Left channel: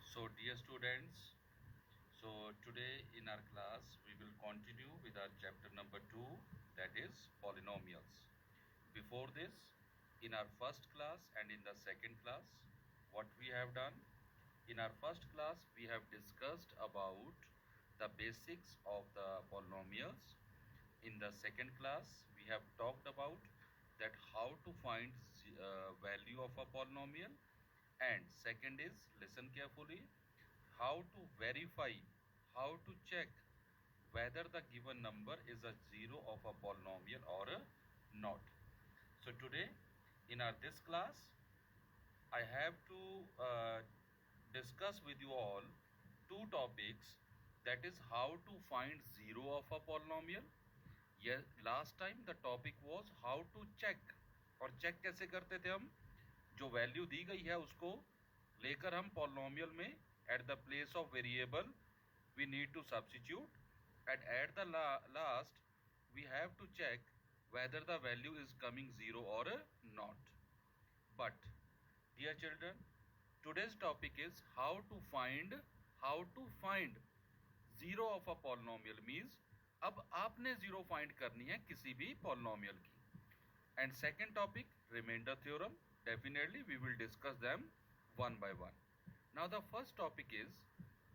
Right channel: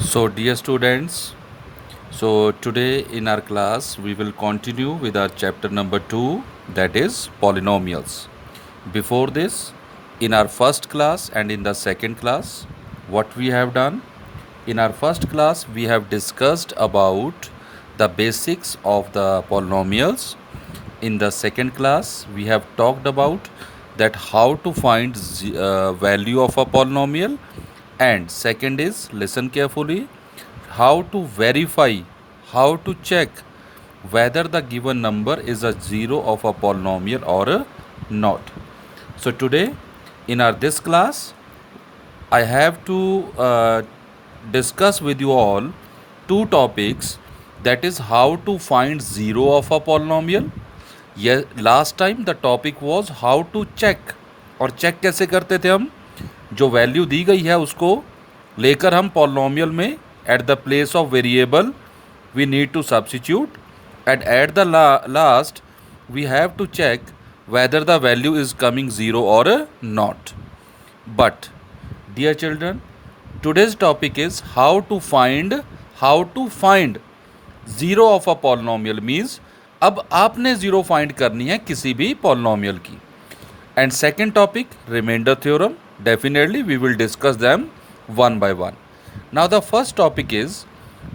So, dear students, today in our class we will continue with our chapter number 2, that is polynomials. Before this, in our first class and in the second class, what we have done? In our first class, we have discussed about the basics of the polynomials. In the second class, we have talked about that how to find value of a polynomial, and second is, listen carefully, how to verify, how to check whether the given number is a zero of a polynomial or not. So today in our this class I have to discuss with you all two topics, that is how to find zero of a polynomial. Yes, last time the topic was how to check, और check कैसे करते थे हम, जो value दी गई है उसको लेकर हम पॉलिनोमियल में eight the place of variable we need to substitute, and at the last we have to check whether the value is coming 0 or not. But dear children, today's topic is how to find zero of a polynomial, means अब आपने zero find करनी है किसी भी polynomial की. And second topic, remainder theorem. Definitely we will discuss them one by one. Now the first topic is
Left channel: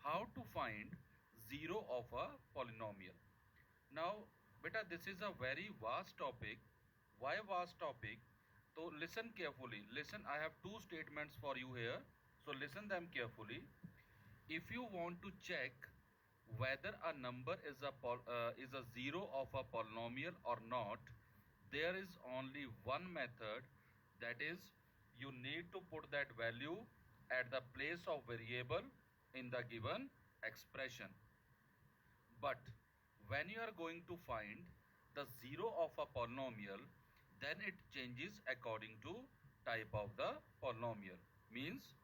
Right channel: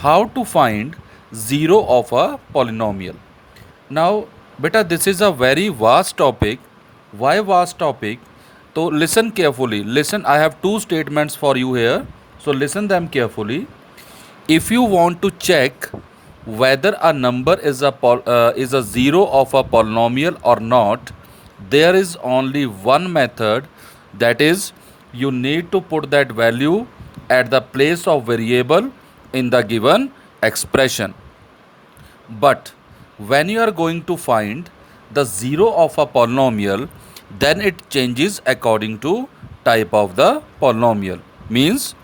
how to find zero of a polynomial. Now beta, this is a very vast topic. Why vast topic? So listen carefully. Listen, I have two statements for you here. So listen them carefully. If you want to check whether a number is a zero of a polynomial or not, there is only one method, that is you need to put that value at the place of variable in the given expression. But when you are going to find the zero of a polynomial, then it changes according to type of the polynomial. Means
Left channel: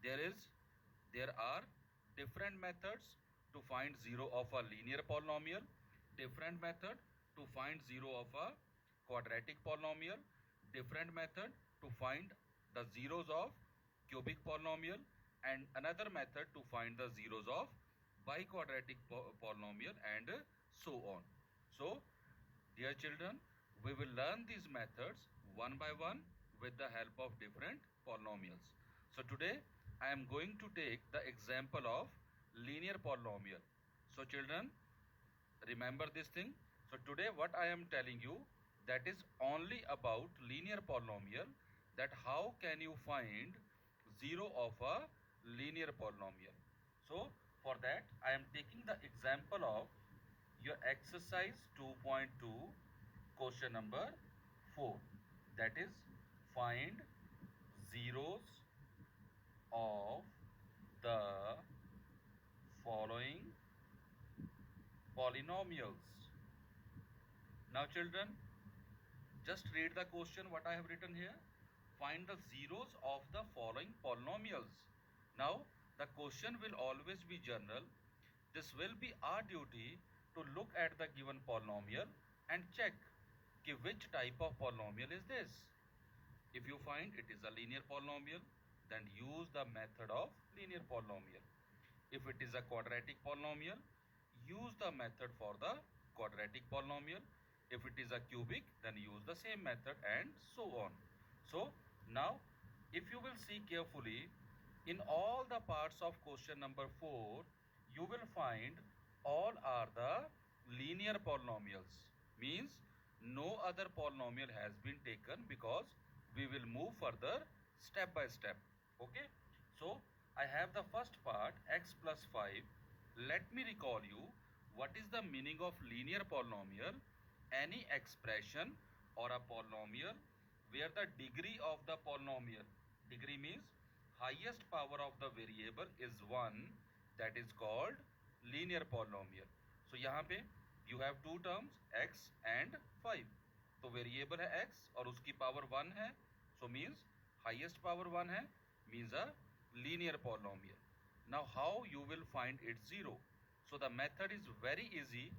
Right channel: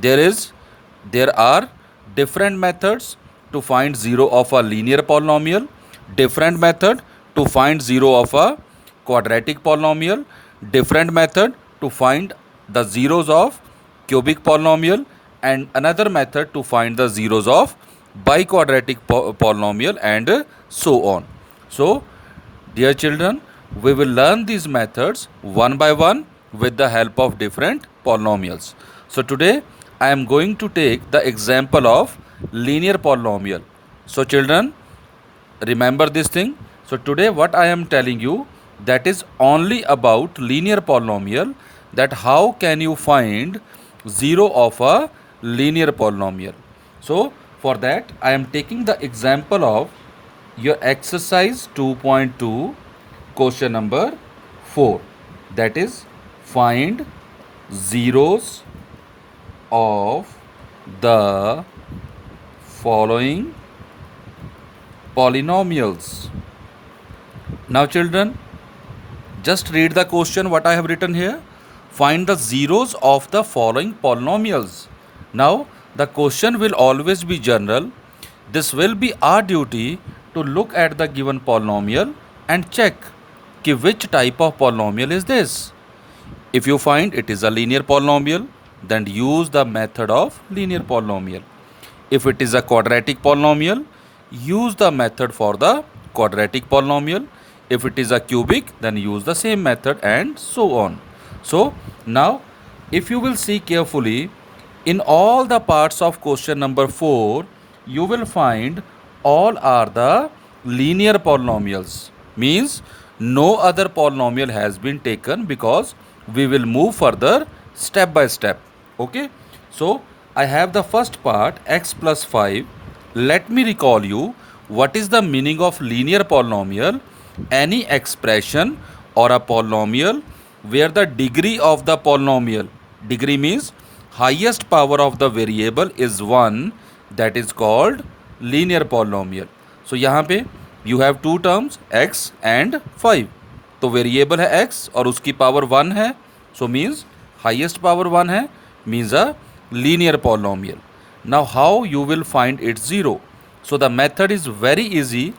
there are different methods to find zero of a linear polynomial, different method to find zero of a quadratic polynomial, different method to find the zeros of cubic polynomial, and another method to find the zeros of biquadratic polynomial, and so on. So dear children, we will learn these methods one by one with the help of different polynomials. So today I am going to take the example of linear polynomial. So children, remember this thing. So today what I am telling you, that is only about linear polynomial, that how can you find zero of a linear polynomial. So for that I am taking the example of your exercise 2.2 question number 4, that is find zeros of the following polynomials. Now children, just read the question what I have written here. Find the zeros of the following polynomials. Now the question will always be general. This will be our duty to look at the given polynomial and check कि which type of polynomial is this. If you find it is a linear polynomial, then use the method of linear polynomial. If it is a quadratic polynomial, use the method for the quadratic polynomial. If it is a cubic, then use the same method, and so on. So now if you will see carefully, in all the parts of question number 4, you will find all are the linear polynomials. Means no other polynomial has been taken, because we will move further step by step. Okay. So I have the first part, x plus 5. Let me recall you what is the meaning of linear polynomial. Any expression or a polynomial where the degree of the polynomial, degree means highest power of the variable, is 1, that is called linear polynomial. So यहाँ पे you have two terms, x and 5. तो variable है x और उसकी power 1 है, so means highest power 1 है, means a linear polynomial. Now how you will find its zero? So the method is very easy.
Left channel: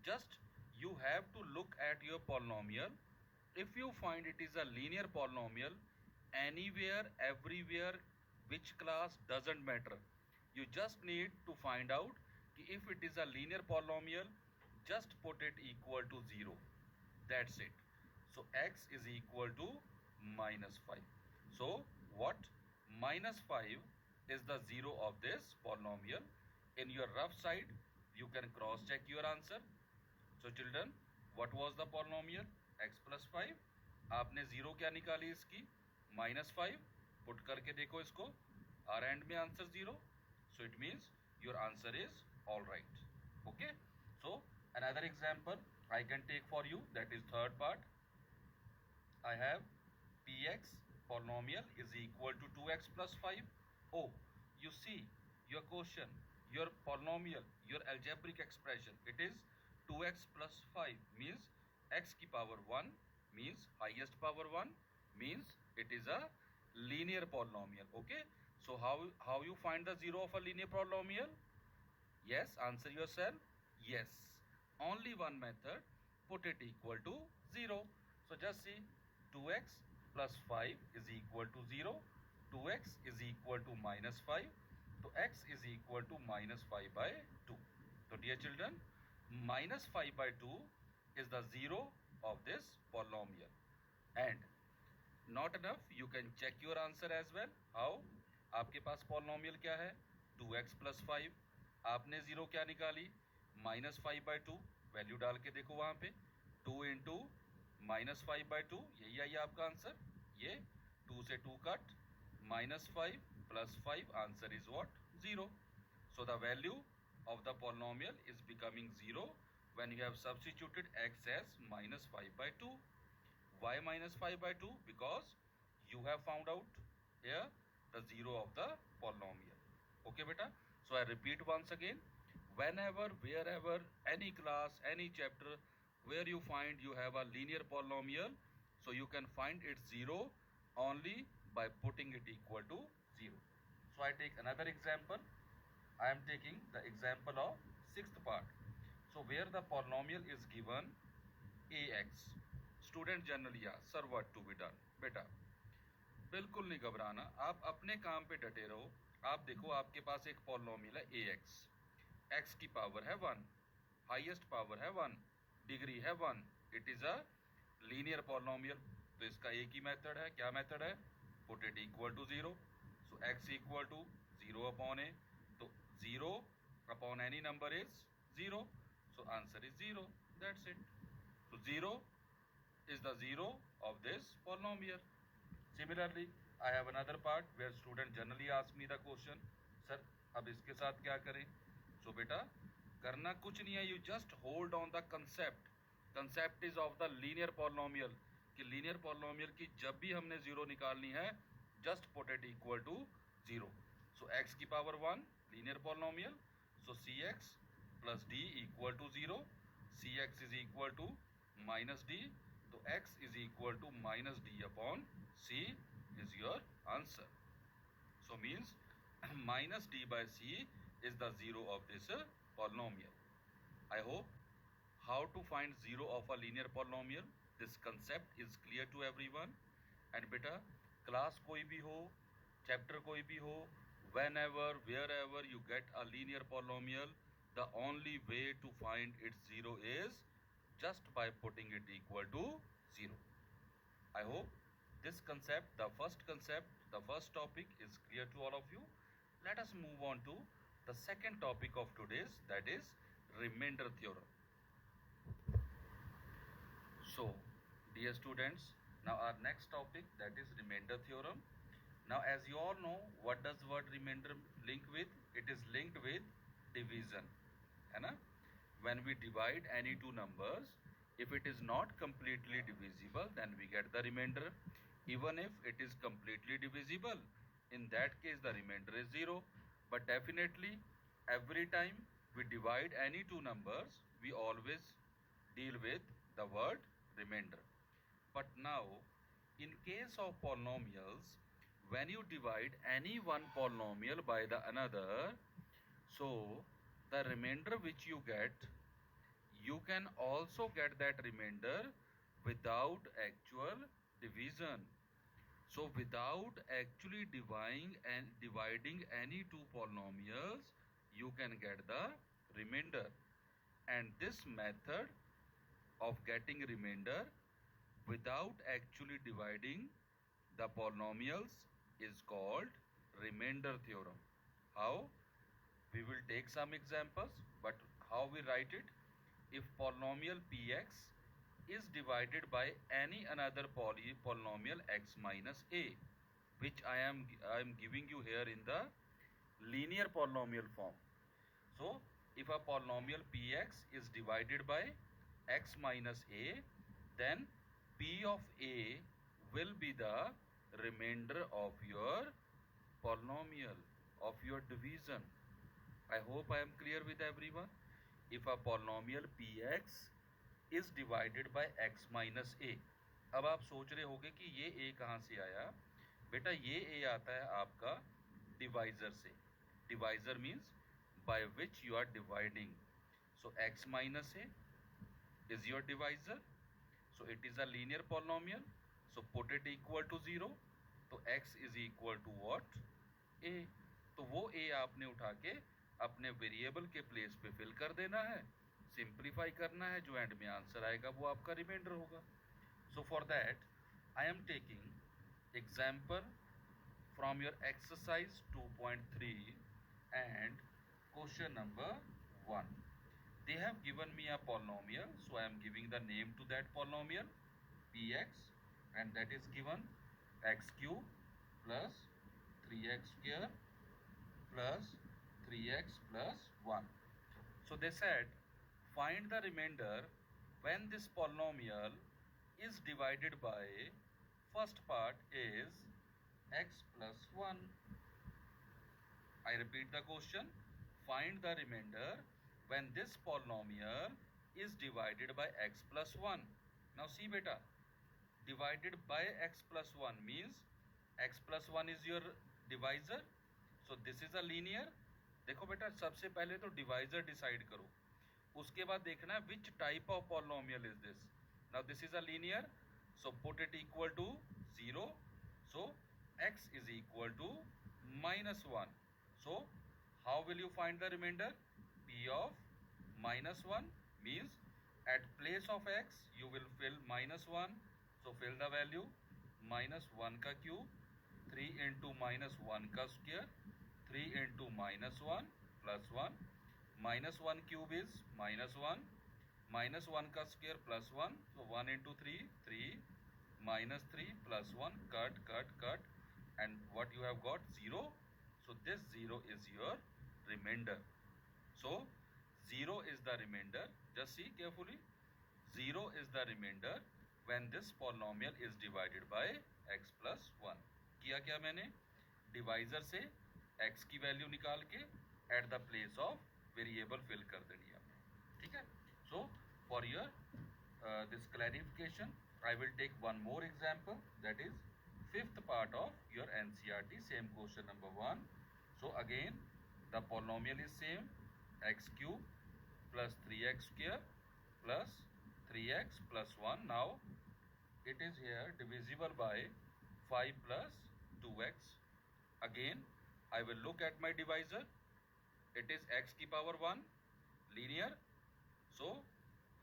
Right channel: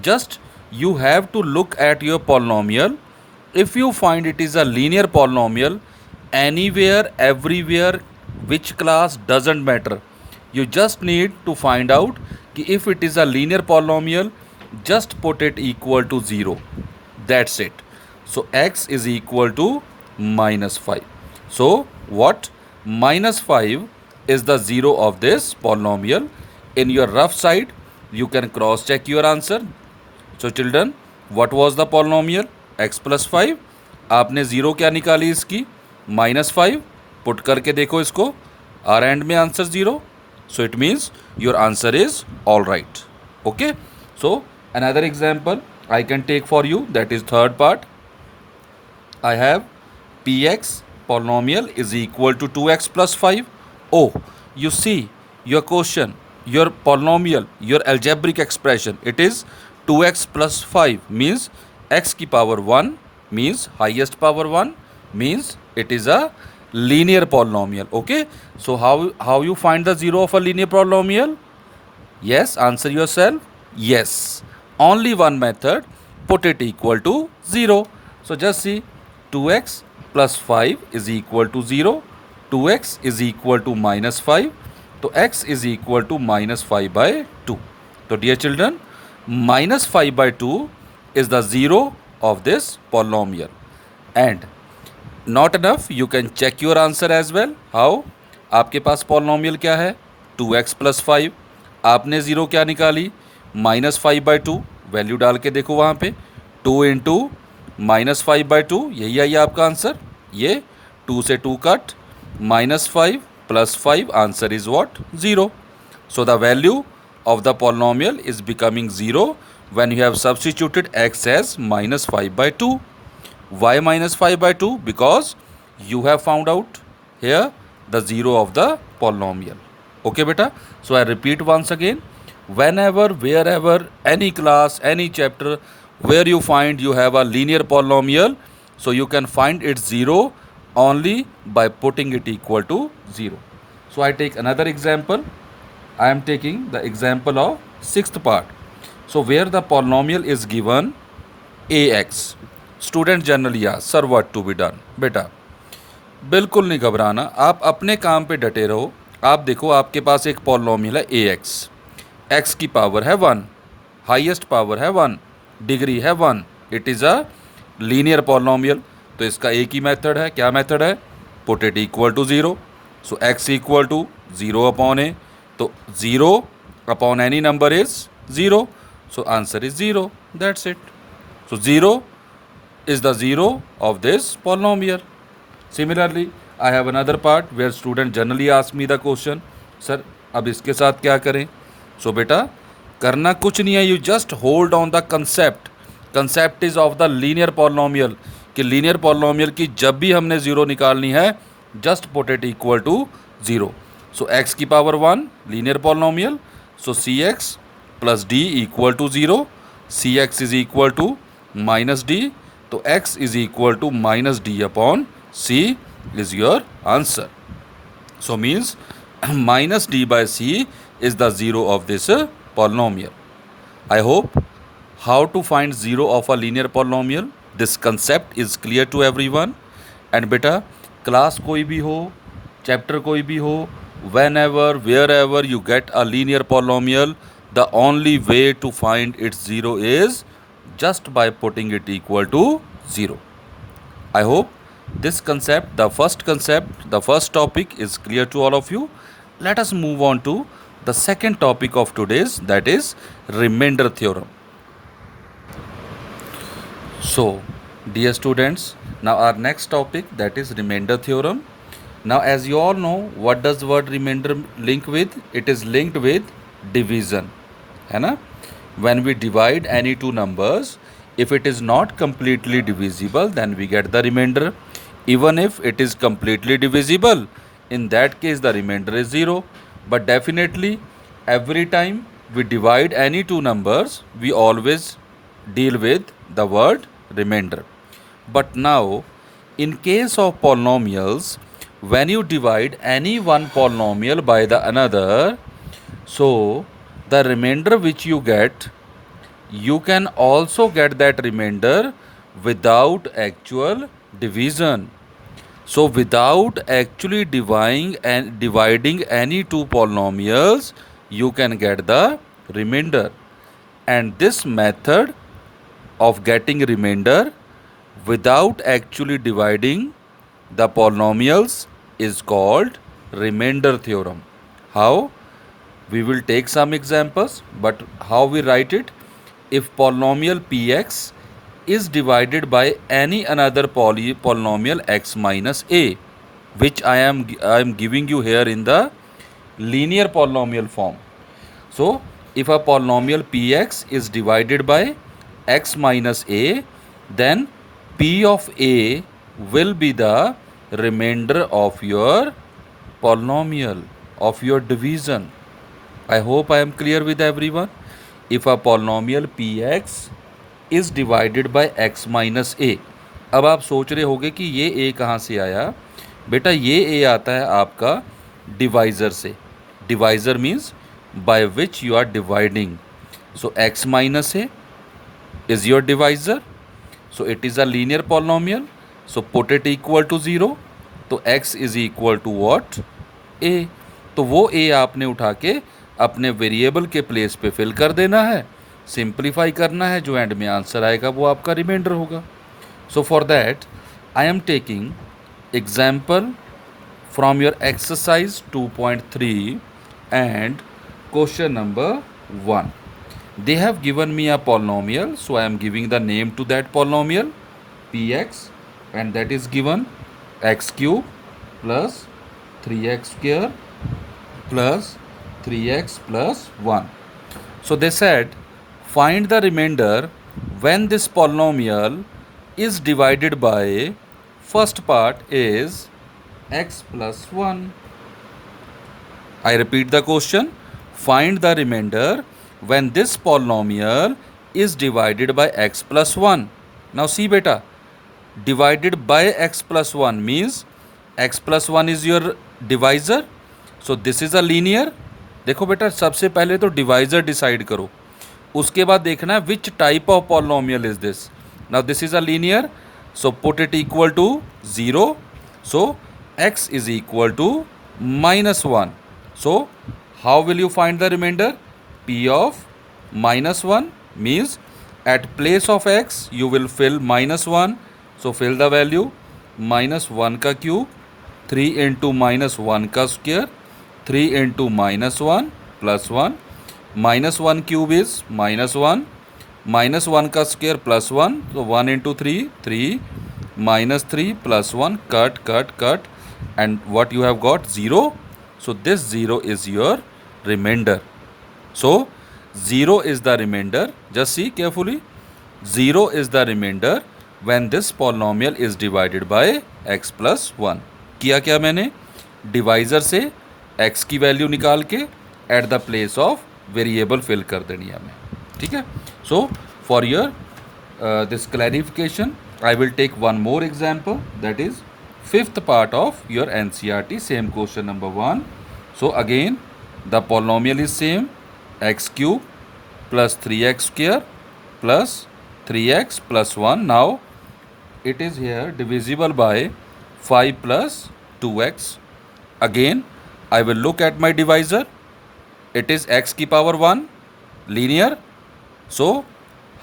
Just you have to look at your polynomial. If you find it is a linear polynomial, anywhere, everywhere, which class, doesn't matter, You just need to find out कि if it is a linear polynomial, just put it equal to 0. That's it. So x is equal to -5. So what? -5 is the 0 of this polynomial. In your rough side, you can cross check your answer. So children, what was the polynomial? x plus 5. आपने 0 क्या निकाली इसकी? -5. Put करके देखो इसको. Are and में answer 0. So it means your answer is all right. Okay. So another example I can take for you, that is third part. I have px polynomial is equal to 2x plus 5. Oh, you see your question, your polynomial, your algebraic expression, it is 2x plus 5 means x की power 1 means highest power 1 means it is a linear polynomial. Okay, so how you find the 0 of a linear polynomial? Yes, answer yourself. Yes, only one method, put it equal to 0. So just see, 2x plus 5 is equal to 0. 2x is equal to -5. So x is equal to -5 by 2. So dear children, -5 by 2 is the 0 of this polynomial. And not enough, you can check your answer as well. How? आपके पास polynomial क्या है? 2x plus 5. आपने 0 क्या निकाली? -5 by 2. Value डाल के देखो वहाँ पे. 2 इंटू -5 बाई 2, यही आई आपका आंसर. ये 2 से 2 cut, -5 plus 5, answer is what? 0. So the value of the polynomial is becoming 0 when you have substituted x as -5 by 2. Why -5 by 2? Because you have found out here the 0 of the polynomial. Okay beta? So I repeat once again, whenever, wherever, any class, any chapter where you find you have a linear polynomial, so you can find its 0 only by putting it equal to 0. So I take another example. I am taking the example of 6th part. So where the polynomial is given ax. Student generally ask, sir, what to be done? बेटा बिल्कुल नहीं घबराना, आप अपने काम पे डटे रहो. आप देखो आपके पास एक पॉलिनोमियल है ax. x की पावर है 1, हाईएस्ट पावर है 1, डिग्री है 1. It is a linear polynomial. तो इसका एक ही मेथड है. क्या मेथड है? Put it equal to 0. So x equal to 0 upon ए. तो 0 upon any number is 0. So answer is 0. That's it. So 0 is the 0 of this polynomial. Similarly, I have another part where student generally ask me the question, sir, अब इसके साथ क्या करें? So बेटा करना कुछ नहीं है. You just hold on the concept. Concept is of the linear polynomial. कि linear polynomial की जब भी हमने 0 निकालनी है, just put it equal to 0. So x की power 1 linear polynomial. So cx plus d equal to 0. cx is equal to -d. तो x is equal to -d upon c is your answer. So means -d by c is the 0 of this polynomial. I hope how to find 0 of a linear polynomial, this concept is clear to everyone. And बेटा class कोई भी हो, chapter कोई भी हो, whenever, wherever you get a linear polynomial, the only way to find its 0 is just by putting it equal to 0. I hope this concept, the first topic is clear to all of you. Let us move on to the second topic of today's, that is remainder theorem. So, dear students, now our next topic, that is remainder theorem. Now as you all know, what does word remainder link with? It is linked with division, है ना? When we divide any two numbers, if it is not completely divisible, then we get the remainder. Even if it is completely divisible, in that case the remainder is 0. But definitely every time we divide any two numbers, we always deal with the word remainder. But now in case of polynomials, when you divide any one polynomial by the another, so the remainder which you get, you can also get that remainder without actual division. So without actually dividing any two polynomials, you can get the remainder. And this method of getting remainder without actually dividing the polynomials is called remainder theorem. How? We will take some examples, but how we write it? If polynomial px is divided by any another polynomial x minus a, which I am giving you here in the linear polynomial form. So if a polynomial px is divided by x minus a, then p of a will be the remainder of your polynomial, of your division. I hope I am clear with everyone. If a polynomial px is divided by x minus a, अब आप सोच रहे होंगे कि ये a कहाँ से आया? बेटा ये a आता है आपका डिवाइज़र से. Divisor means by which you are dividing. So x minus a is your divisor. So it is a linear polynomial. So put it equal to 0. तो x is equal to what? a. तो वो a आपने उठा के अपने variable के place पे fill कर देना है, सिंप्लीफाई करना है, जो एंड में आंसर आएगा वो आपका रिमाइंडर होगा. So for that I am taking example from your exercise 2.3 and question number 1. They have given me a polynomial, so I am giving the name to that polynomial px, and that is given x cube plus 3x square plus 3x plus 1. So they said find the remainder when this polynomial is divided by, first part is x plus 1. I repeat the question. Find the remainder when this polynomial is divided by x plus 1. Now see beta, divided by x plus 1 means x plus 1 is your divisor. So this is a linear. देखो बेटा सबसे पहले तो divisor decide करो, उसके बाद देखना है which type of polynomial is this. Now this is a linear, so put it equal to 0. So x is equal to minus 1. So how will you find the remainder? P of minus 1 means at place of x you will fill minus 1. So fill the value minus 1 का cube, 3 into minus 1 का square, 3 into minus 1 plus 1. Minus 1 cube is minus 1. Minus 1 का square plus 1. So 1 into 3, 3. Minus 3 plus 1. Cut, cut, cut. And what you have got? 0. So this 0 is your remainder. So 0 is the remainder. Just see carefully. 0 is the remainder when this polynomial is divided by x plus 1. किया क्या मैंने? Divisor से x की value निकाल के at the place of variable fill कर देनी है हमें. ठीक है. So for your this clarification I will take one more example, that is fifth part of your NCERT, same question number 1. So again the polynomial is same, x cube plus 3x square plus 3x plus 1. Now it is here divisible by 5 plus 2x. Again I will look at my divisor. It is x की power 1 linear. So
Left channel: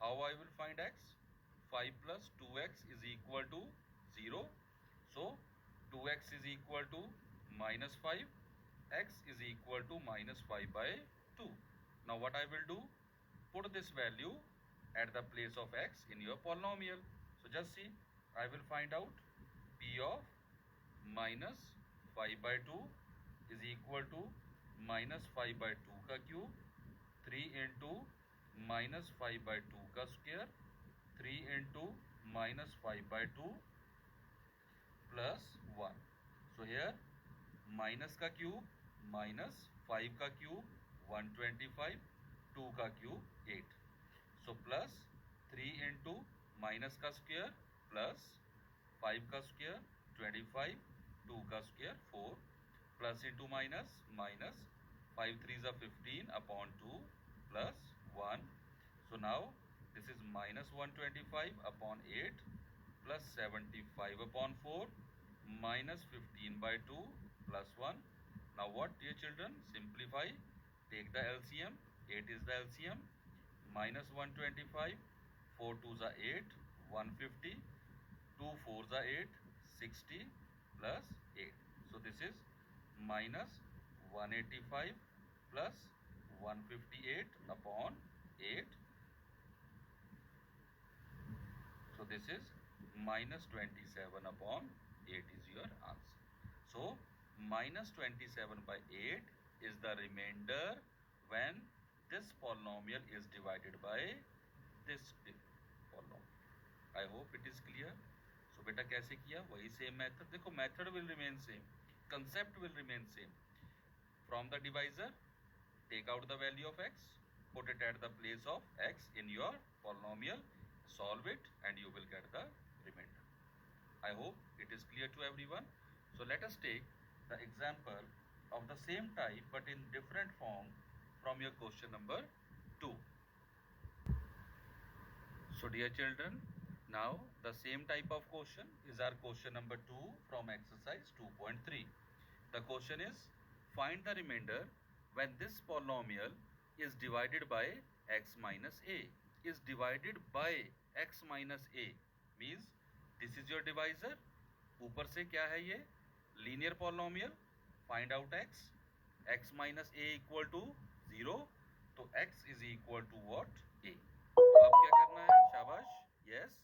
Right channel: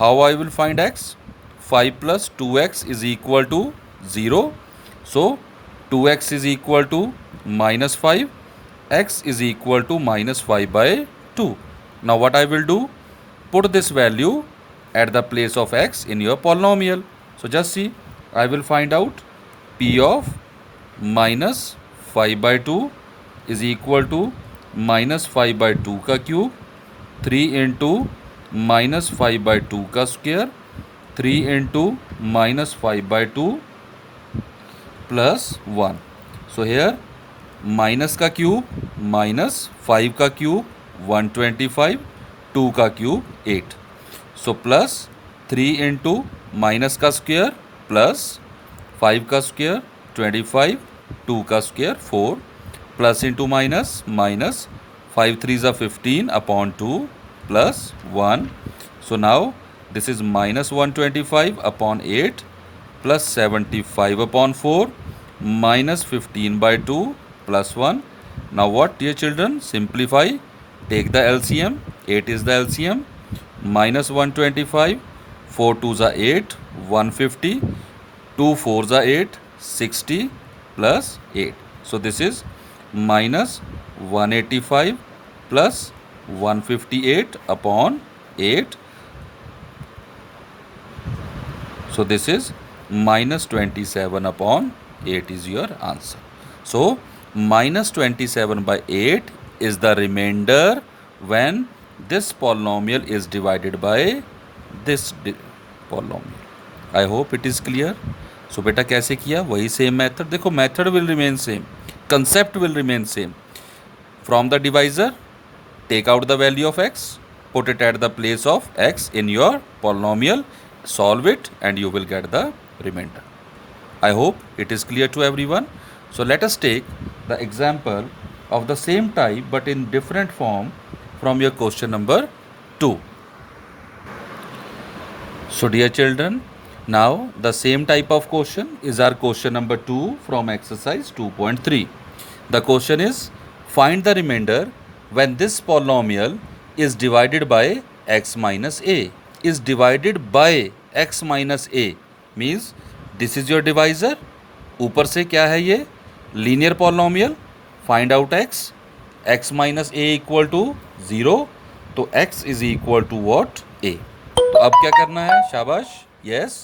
how I will find x? 5 plus 2x is equal to 0. So 2x is equal to minus 5, x is equal to minus 5 by 2. Now what I will do? Put this value at the place of x in your polynomial. So just see, I will find out p of minus 5 by 2 is equal to minus 5 by 2 का cube, 3 into minus 5 by 2 का square, 3 into minus 5 by 2 plus 1. So here minus का cube minus 5 का cube 125, 2 का cube 8. So plus 3 into minus का square plus 5 का square 25, 2 का square 4, plus into minus minus 5 3s are 15 upon 2 plus 1. So now this is minus 125 upon 8 plus 75 upon 4 minus 15 by 2 plus 1. Now what, dear children? Simplify. Take the LCM. 8 is the LCM. Minus 125. 4 2s are 8. 150. 2 4s are 8. 60 plus 8. So this is minus 185 plus 158 upon 8. So this is minus 27 upon 8 is your answer. So minus 27 by 8 is the remainder when this polynomial is divided by this polynomial. I hope it is clear. So बेटा कैसे किया? वही same method. देखो method will remain same, concept will remain same. From the divisor, take out the value of x, put it at the place of x in your polynomial, solve it, and you will get the remainder. I hope it is clear to everyone. So let us take the example of the same type but in different form from your question number 2. So dear children, now the same type of question is our question number 2 from exercise 2.3. The question is, find the remainder when this polynomial is divided by x minus a. Is divided by x minus a means this is your divisor. ऊपर से क्या है ये? Linear polynomial. Find out x. x minus a equal to 0. तो x is equal to what? a. तो अब क्या करना है? शाबाश. यस.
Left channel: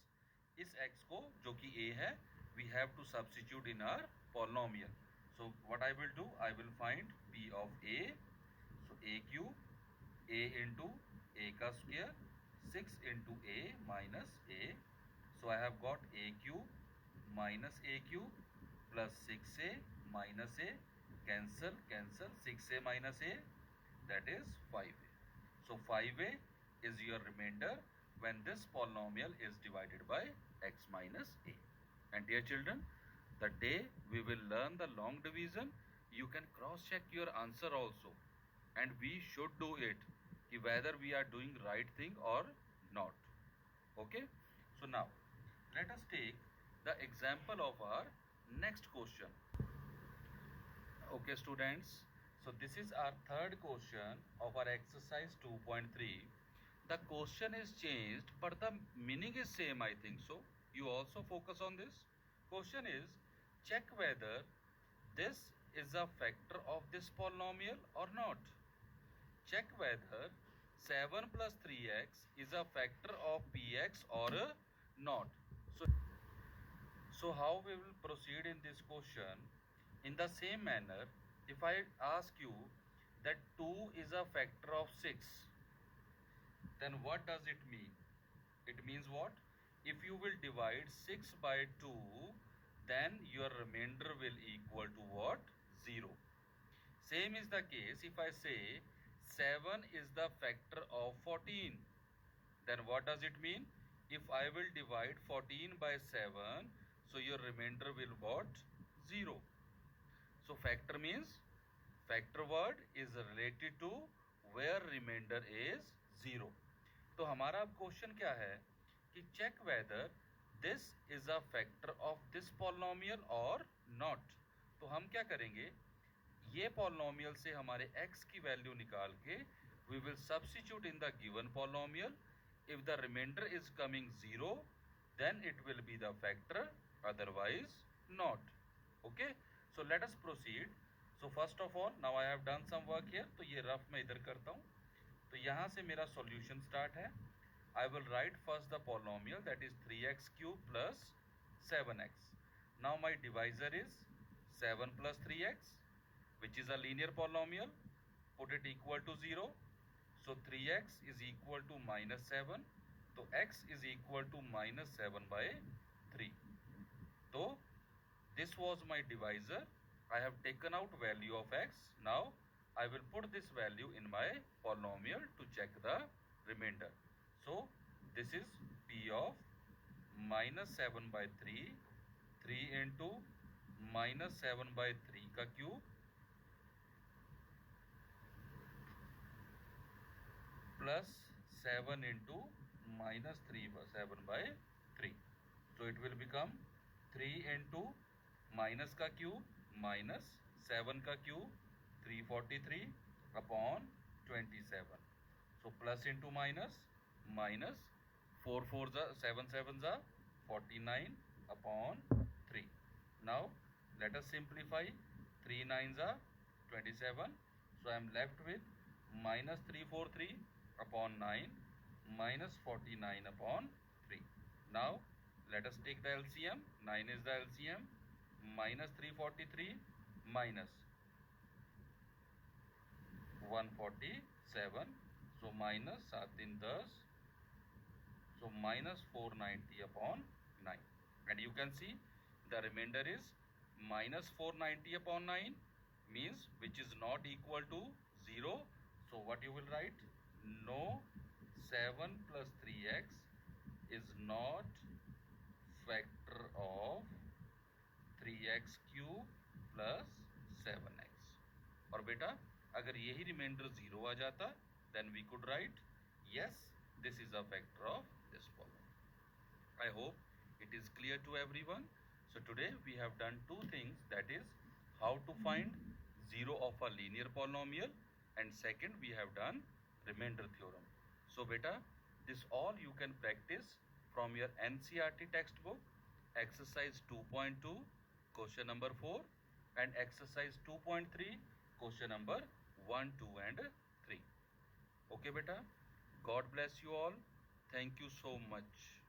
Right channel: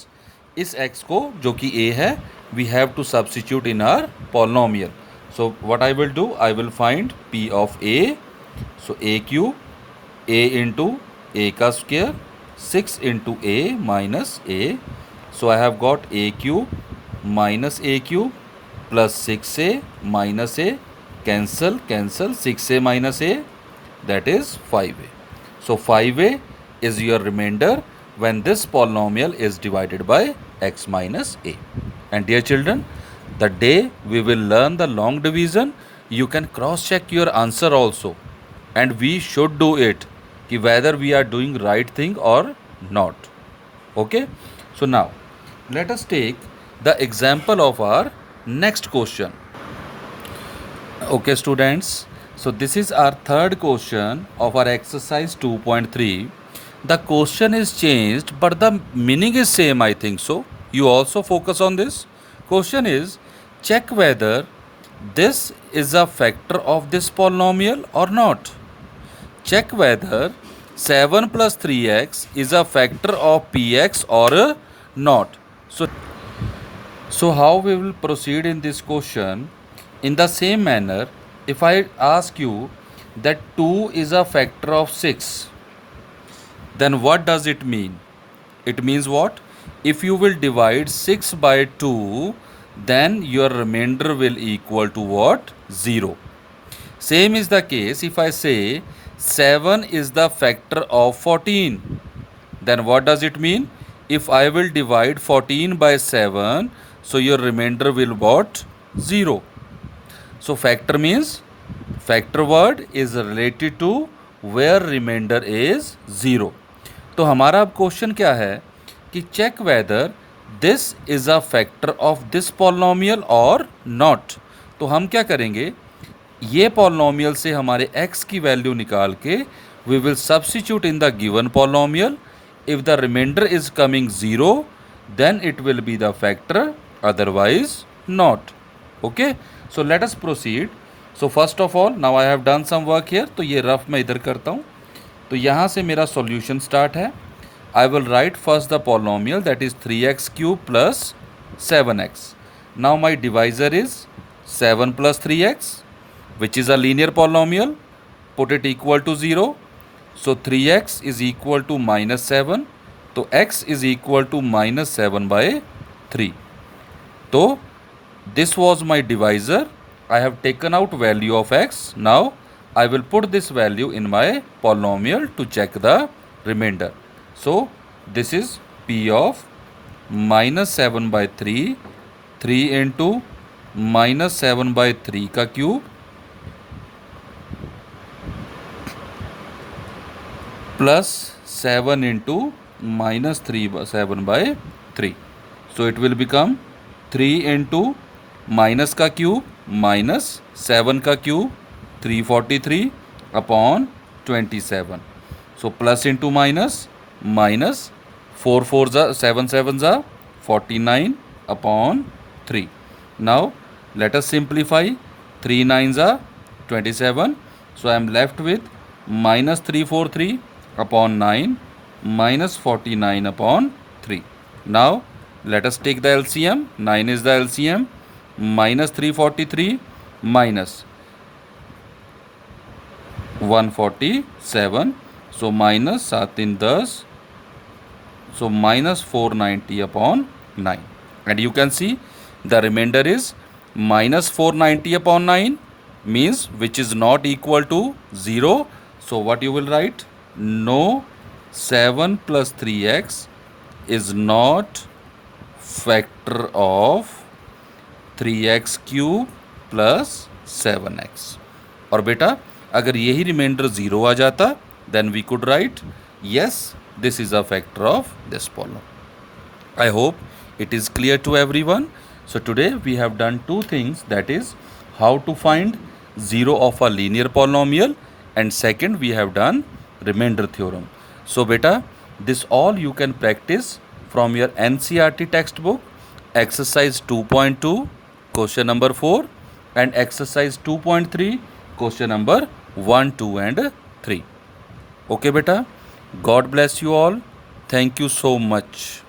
इस x को जो कि a है, we have to substitute in our polynomial. So what I will do, I will find p of a. So a cube, a into a का square, 6 into a minus a. So I have got a cube minus a cube plus 6a minus a. Cancel, cancel. 6a minus a, that is 5a. So 5a is your remainder when this polynomial is divided by x minus a. And dear children, the day we will learn the long division, you can cross check your answer also, and we should do it ki whether we are doing right thing or not. Okay, so now let us take the example of our next question. Okay students, so this is our third question of our exercise 2.3. The question is changed but the meaning is same, I think so. You also focus on this. Question is, check whether this is a factor of this polynomial or not. Check whether 7 plus 3x is a factor of px or not. So how we will proceed in this question? In the same manner, if I ask you that 2 is a factor of 6, then what does it mean? It means what? If you will divide 6 by 2, then your remainder will equal to what? 0. Same is the case if I say 7 is the factor of 14. Then what does it mean? If I will divide 14 by 7, so your remainder will what? 0. So factor means, factor word is related to where remainder is 0. तो हमारा अब question क्या है कि check whether this is a factor of this polynomial और not. तो हम क्या करेंगे, ये पॉलिनोमियल से हमारे x की वैल्यू निकाल के we will substitute in the given polynomial. If the remainder is coming 0, then it will be the factor, otherwise not. Okay, so let us proceed. So first of all now I have done some work here. तो ये rough मैं इधर करता हूँ. तो यहाँ से मेरा सॉल्यूशन स्टार्ट है. I will write first the polynomial, that is 3x cube plus 7x. Now my divisor is 7 plus 3x, which is a linear polynomial. Put it equal to 0. So 3x is equal to minus 7. So x is equal to minus 7 by 3. So this was my divisor. I have taken out value of x. Now I will put this value in my polynomial to check the remainder. So this is p of minus 7 by 3, 3 into minus 7 by 3 का cube plus 7 into minus 7 by 3. So it will become 3 into minus का cube minus 7 का cube 343 upon 27. So plus into minus, minus 4 4 7 7 49 upon 3. Now let us simplify. 3 9 27. So I am left with minus 343 upon 9 minus 49 upon 3. Now let us take the LCM. 9 is the LCM. Minus 343 minus 147. So minus 7 in 10. So minus 490 upon 9. And you can see the remainder is minus 490 upon 9 means which is not equal to 0. So what you will write? No, 7 plus 3x is not factor of 3x cube plus 7x. और बेटा अगर यही remainder 0 आ जाता then we could write yes, this is a factor of this polynomial. I hope it is clear to everyone. So today we have done two things, that is how to find 0 of a linear polynomial, and second we have done remainder theorem. So beta, this all you can practice from your NCERT textbook, exercise 2.2 question number 4 and exercise 2.3 question number 1, 2 and 3. Okay beta, God bless you all. Thank you so much.